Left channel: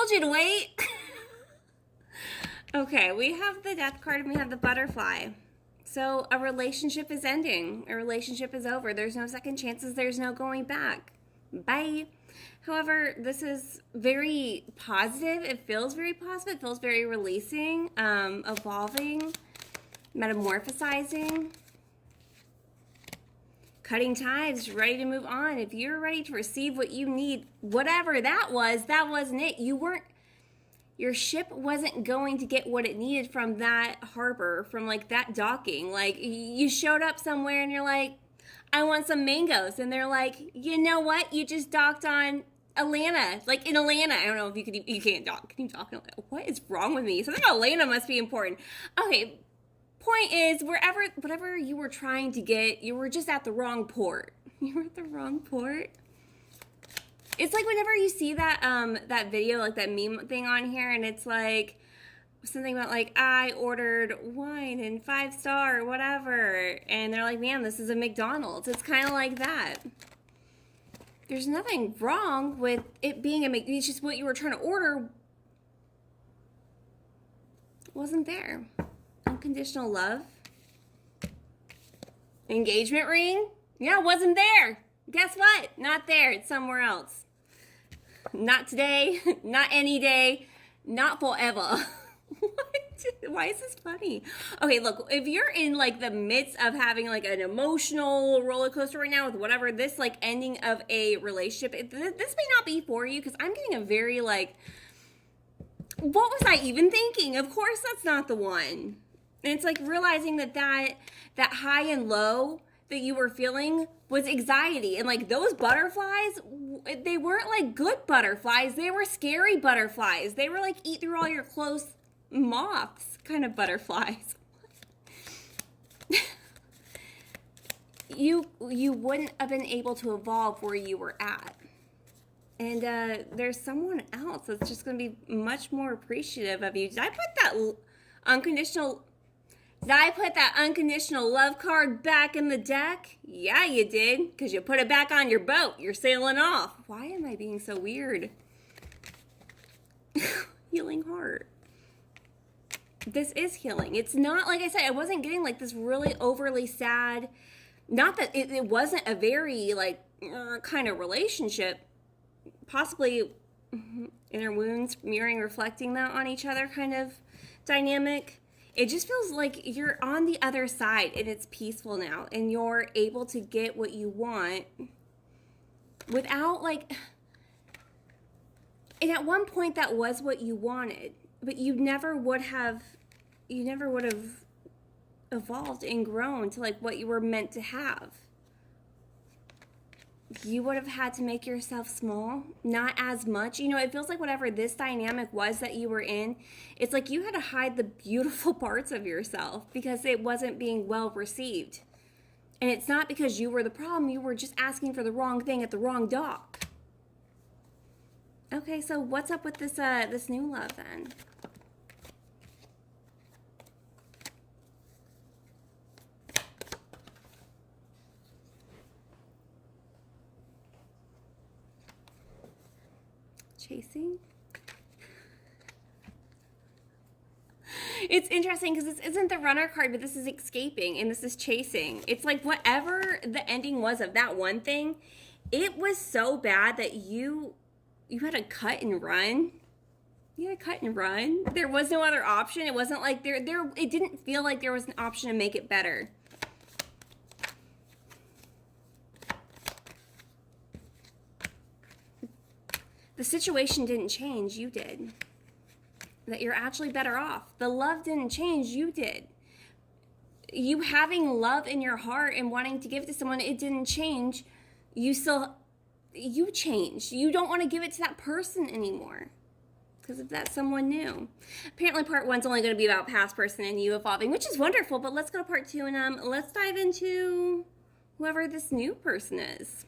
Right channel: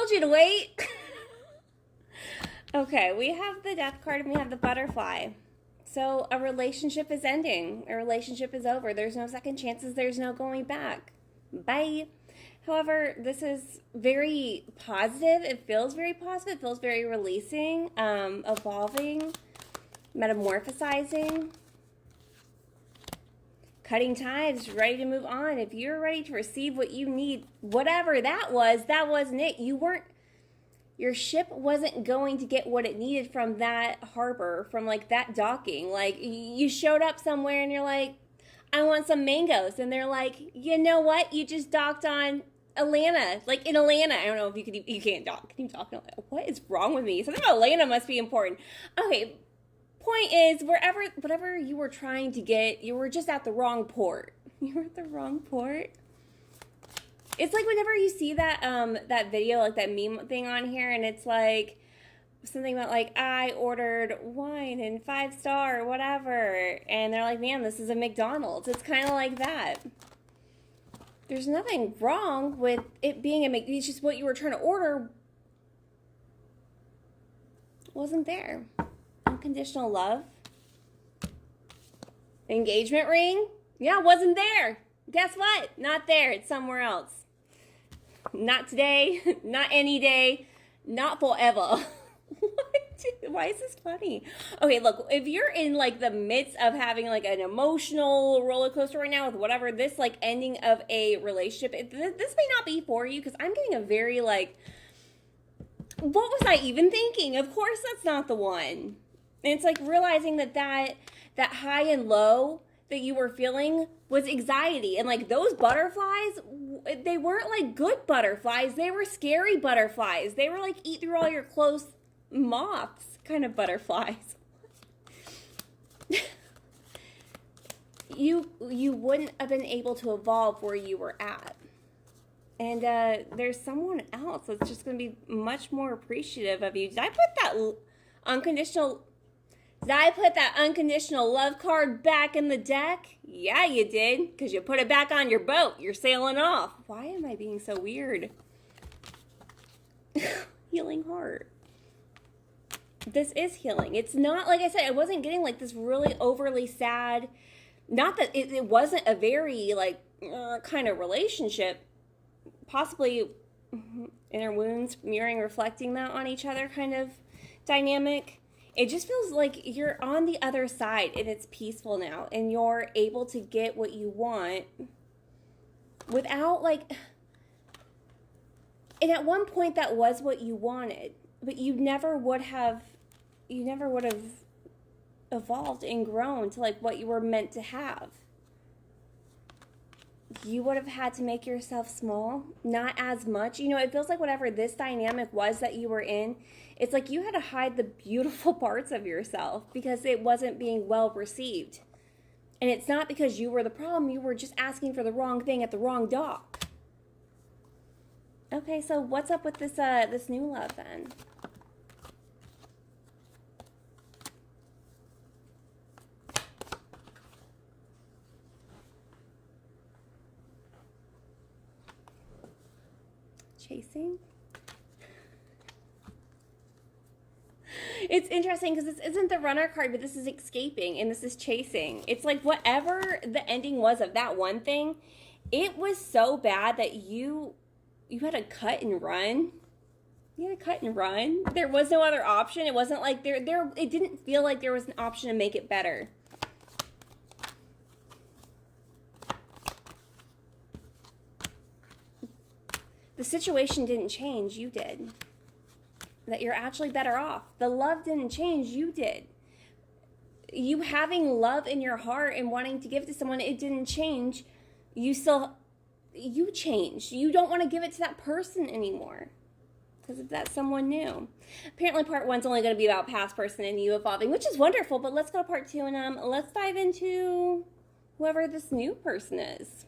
told you to wait. Okay, we have the death card and we have the butterfly. So a relationship is ending. A relationship is over. There's no second chances. There's no going back. Bye. However, this is very positive. It feels very positive. It feels very releasing, evolving, metamorphosizing, cutting ties, ready to move on. If you're ready to receive what you need, whatever that wasn't it. Your ship wasn't going to get what it needed from that harbor, from like that docking. Like you showed up somewhere and you're like, I want some mangoes. And they're like, you know what? You just docked on Atlanta. Like in Atlanta. I don't know if you can't dock. Can you dock in Atlanta? What is wrong with me? Something about Atlanta must be important. Okay. Point is, whatever you were trying to get, you were just at the wrong port. You were at the wrong port. It's like whenever you see that that video, like that meme thing on here, and it's like something about like, I ordered wine and 5-star, whatever. And they're like, man, this is a McDonald's. It's kind of like that. There's nothing wrong with it being a McDonald's. It's just what you were trying to order wasn't there. Unconditional love. Engagement ring? Yeah, wasn't there. Guess what? Not there. It's somewhere else. Not today. Not any day. Not forever. Why is this funny? Okay, look, if you're in like the midst of having like an emotional roller coaster right now with whatever, this like ending of a relationship, this may not be for you because I'm getting a very like, what was I even thinking? Of course that's not the one. And it's like realizing that high and low that you were feeling was anxiety. And like those butterflies, they weren't like good butterflies. They were scary butterflies. They were like eat through all your clothes moths kind of butterflies. You wouldn't have been able to evolve where you were at. And there's someone else that's just going to be much more appreciative of you. Did I put that unconditional love card back in the deck? Yeah, you did, because you put it back on your boat. You're sailing off. Why am I being so weird? Healing heart. This is healing. It's not, like I said, I wasn't getting like this really overly sad, not that it wasn't a very like kind of relationship, possibly inner wounds mirroring, reflecting that on each other kind of dynamic. It just feels like you're on the other side and it's peaceful now and you're able to get what you want without like, and at one point that was what you wanted, but you never would have evolved and grown to like what you were meant to have. You would have had to make yourself small, not as much. You know, it feels like whatever this dynamic was that you were in, it's like you had to hide the beautiful parts of yourself because it wasn't being well received. And it's not because you were the problem, you were just asking for the wrong thing at the wrong dock. Okay, so what's up with this this new love then? Chasing? It's interesting because this isn't the runner card, but this is escaping and this is chasing. It's like whatever the ending was of that one thing, it was so bad that you had to cut and run. You had to cut and run. There was no other option. It wasn't like it didn't feel like there was an option to make it better. The situation didn't change, you did. That you're actually better off. The love didn't change, you did. You having love in your heart and wanting to give to someone, it didn't change. You changed. You don't want to give it to that person anymore because of that someone new. Apparently part one's only going to be about past person and you evolving, which is wonderful, but let's go to part two and let's dive into whoever this new person is.